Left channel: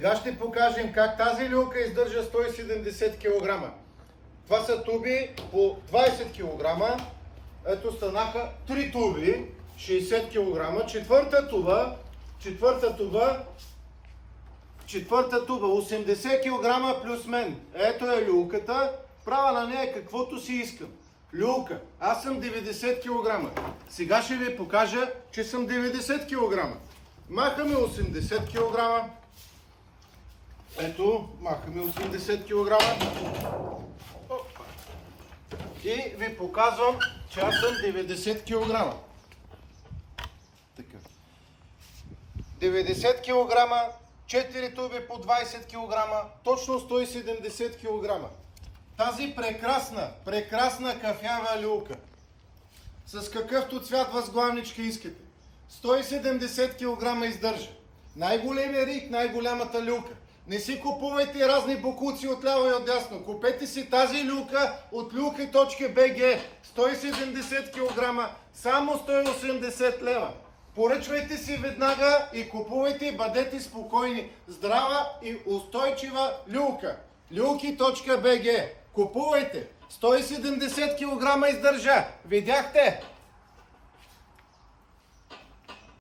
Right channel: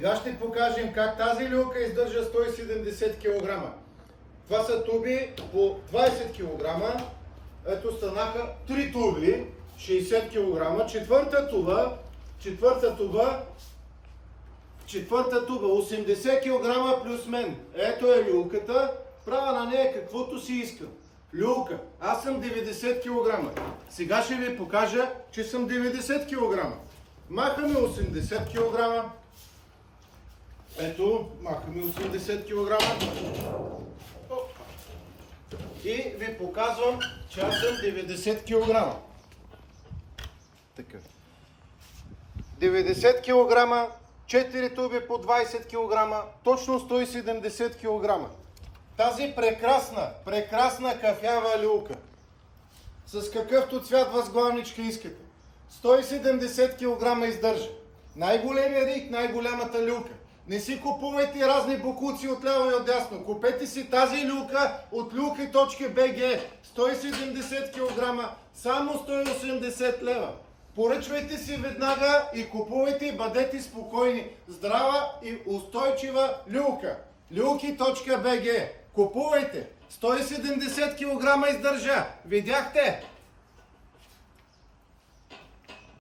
Сега ще покажем как тази люлка издържа 170 кг. Това са туби по 20 кг. Ето станаха 3 туби, 60 кг. Четвърта туба, 80 кг плюс мен. Ето е люлката. Правя на нея каквото си искам. Люлка. Аз съм 90 кг. Сега ще ви покажа, че съм 90 кг. Махаме 80 кг. Ето, махаме 80 кг. И ви показвам, че аз съм 90 кг. Така. 90 кг, 4 туби по 20 кг, точно 170 кг. Тази прекрасна кафява люлка, с какъвто цвят възглавничка искате, 170 кг издържа. Най-големия рик, най-голямата люлка. Не си купувайте разни бокуци отляво и отдясно. Купете си тази люлка от люлки.bg. 170 кг, само 180 лева. Поръчвайте си веднага и купувайте и бъдете спокойни. Здрава и устойчива люлка. Люлки.bg. Купувайте. 170 кг издържа. Видяхте?